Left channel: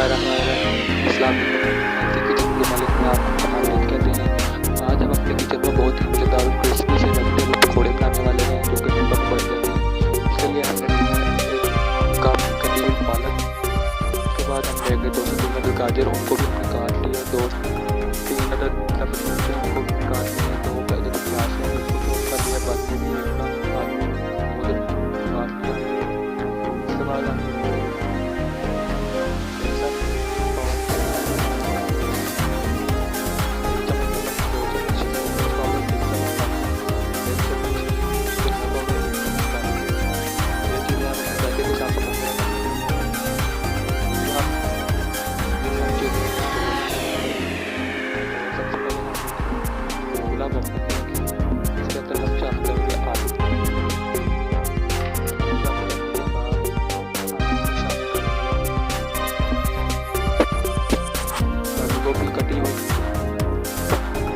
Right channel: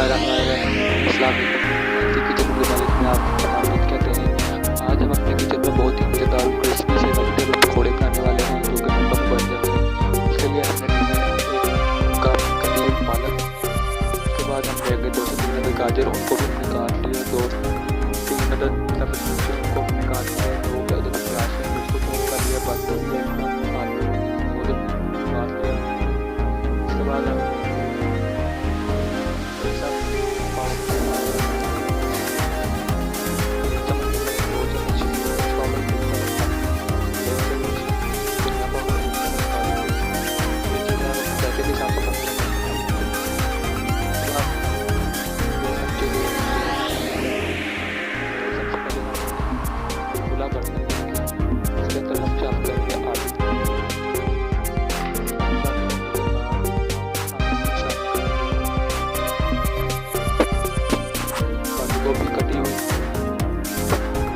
बिस्मिल्लाहिर्रहमानिर्रहीम। अस्सलाम वालेकुम। वैज्ञानिक मलिक में आपको स्वागत कहते हैं। आज हम अपने किचन में बहुत ही मज़ेदार और क्रिस्पी से वैजिटेबल पकौड़े बनाने वाले हैं जो कि मिनटों में बन जाते हैं। इसके लिए हमने लिया है 1 कप कटी हुई पालक। उसके बाद हम लेंगे 2 से 3 अदद गाजर, उनको भी हमने काट लिया। 2-3 अदद सब्ज़ मिर्चें, उनको भी हमने काट लिया। 2 अदद प्याज है उसको चॉप कर लिया। बाद में भी 1 कप आलू वो काट लिया। इसके बाद हम इसके अंदर हम शामिल करेंगे आलू।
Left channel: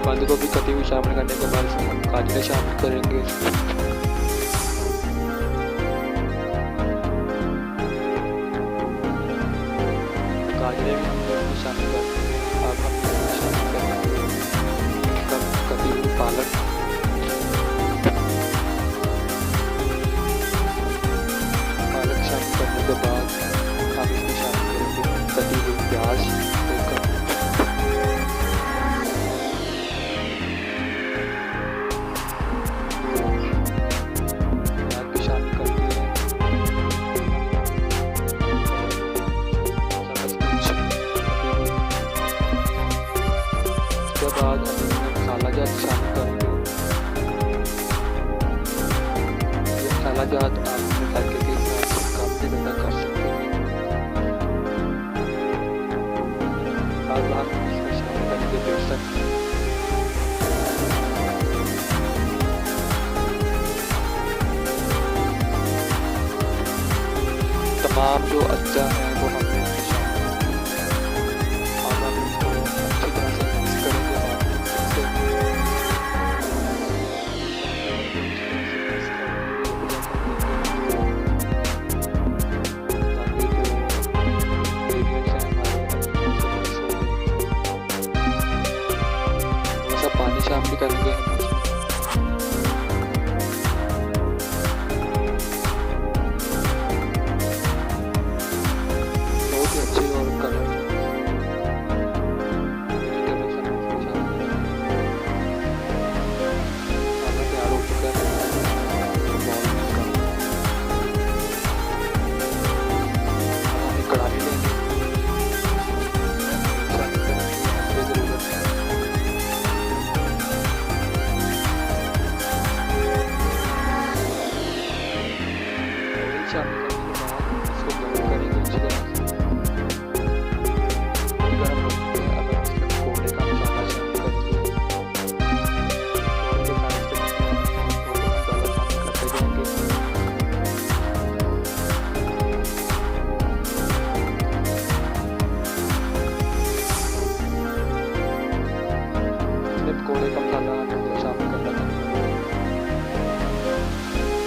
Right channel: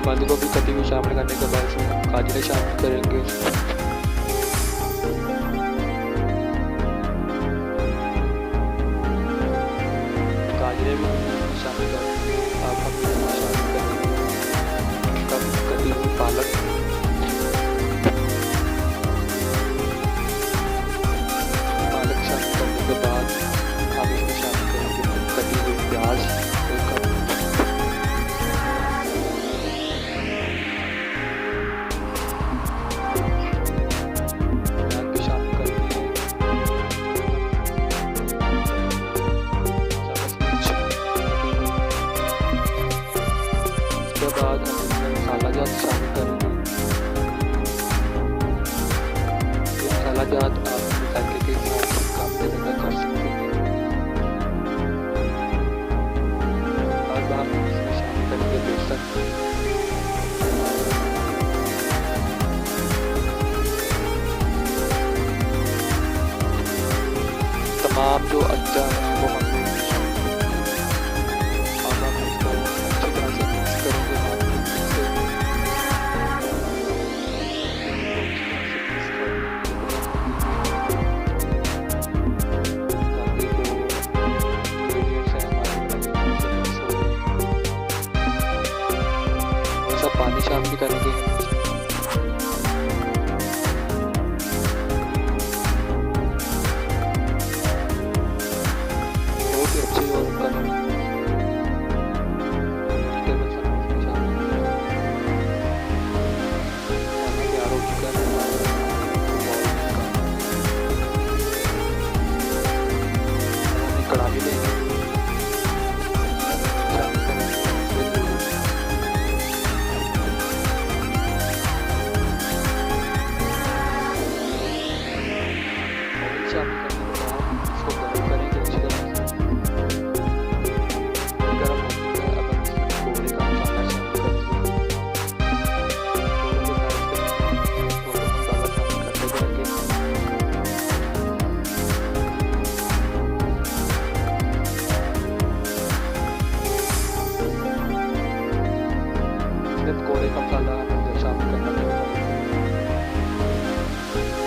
बंद गोभी कटी हुई शामिल करने के बाद इसमें हम गाजरें शामिल करेंगे। गाजरें भी हमने इसमें शामिल कर दी। अब हम इसमें शामिल करेंगे कटी हुई पालक। पालक शामिल करने के बाद हम इसमें शामिल करेंगे कटी हुई प्याज 1 कप। उसके बाद हम इसमें मसाला जात शामिल करेंगे। ये मसाला जात आप अपने जायके के हिसाब से कम से ज़्यादा कर सकते हैं। अब हम इसमें शामिल करेंगे बेसन। तमाम जो अज्जा हैं वो हमने इसमें शामिल करेंगे। अब हम इसको अच्छी तरह से मिक्स करेंगे हाथ की मदद से। ताकि जो इंग्रेडिएंट्स हैं हमारे अच्छी तरह से मिक्स हो जाए। थोड़ा सा पानी शामिल करेंगे हम इसमें। बहुत ही अच्छे और कलर तैयार हो चुका है। बॉल में का अब हम एक कढ़ाई लेंगे, शामिल करेंगे इसमें ज़रूरत है। ऑयल शामिल करने के बाद इसको गर्म करेंगे अच्छी तरह से। गर्म हो चुका है। अब हम इसमें पकौड़े का मसाला शामिल करेंगे। पकौड़े का मसाला हमें शामिल करना चाहिए।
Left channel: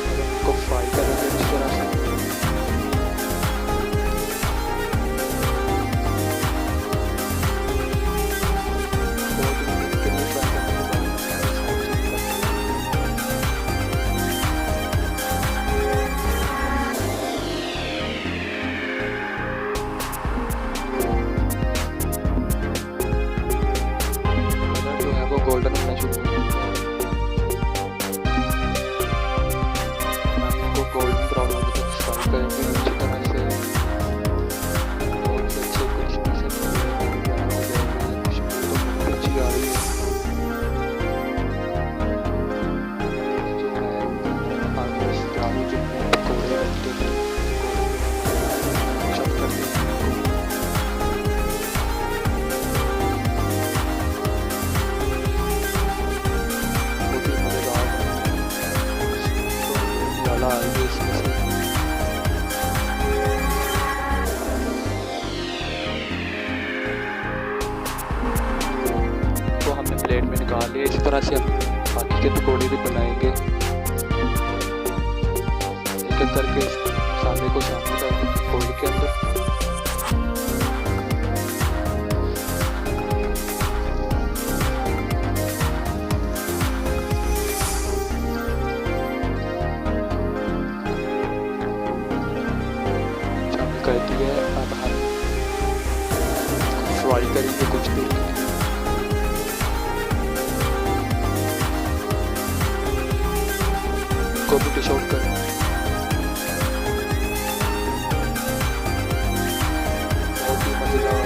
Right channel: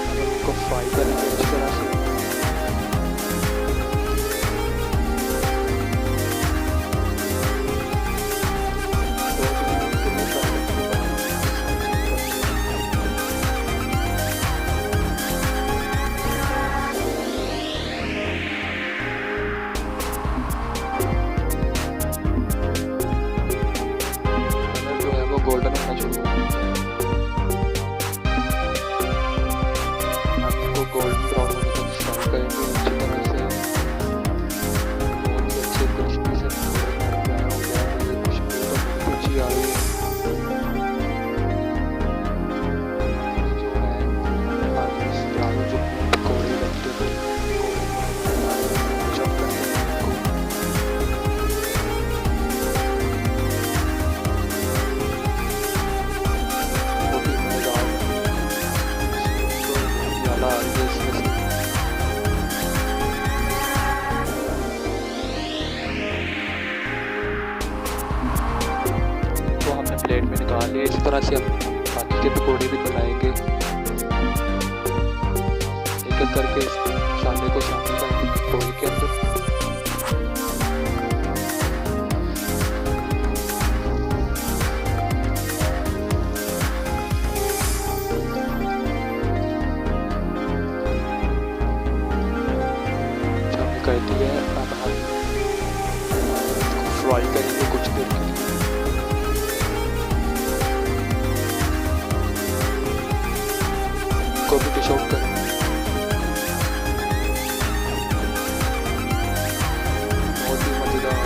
अब हम इसको फ्राई करेंगे अच्छी तरह से। के लिए फ्राई करने के बाद कलर जो है वो गोल्डन होना शुरू हो चुका है। हम इनको गोल्डन ब्राउन होने तक फ्राई करेंगे अच्छी तरह से। बहुत ही अच्छे क्रिस्पी से पकौड़े तैयार हो जाएंगे। खुशबू तो बहुत अच्छी आ रही है। जो है आलू जो पकौड़े वेजिटेबल पकौड़े जो हमारे शॉप करते हैं उनको बहुत ही मज़ेदार है। तो बहुत ही आला आ रही है इसमें से। तो हमने प्लेट में निकाल लिया। इसी तरह से हम बाकी के पकौड़े भी बनाएंगे। एक एक करके मसाले को शामिल करेंगे पकौड़े के अंदर। कर दिया है। अब हम फ्राई करेंगे कुछ देर के लिए। इनको भी डिश आउट करें। बहुत ही मज़ेदार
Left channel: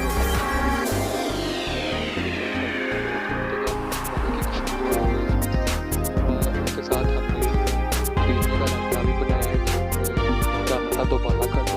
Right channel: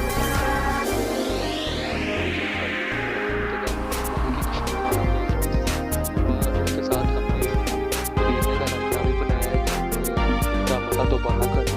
उसके साथ हमने पुदीने का रायता भी बनाया है, जिसका मज़ा तो बाला कर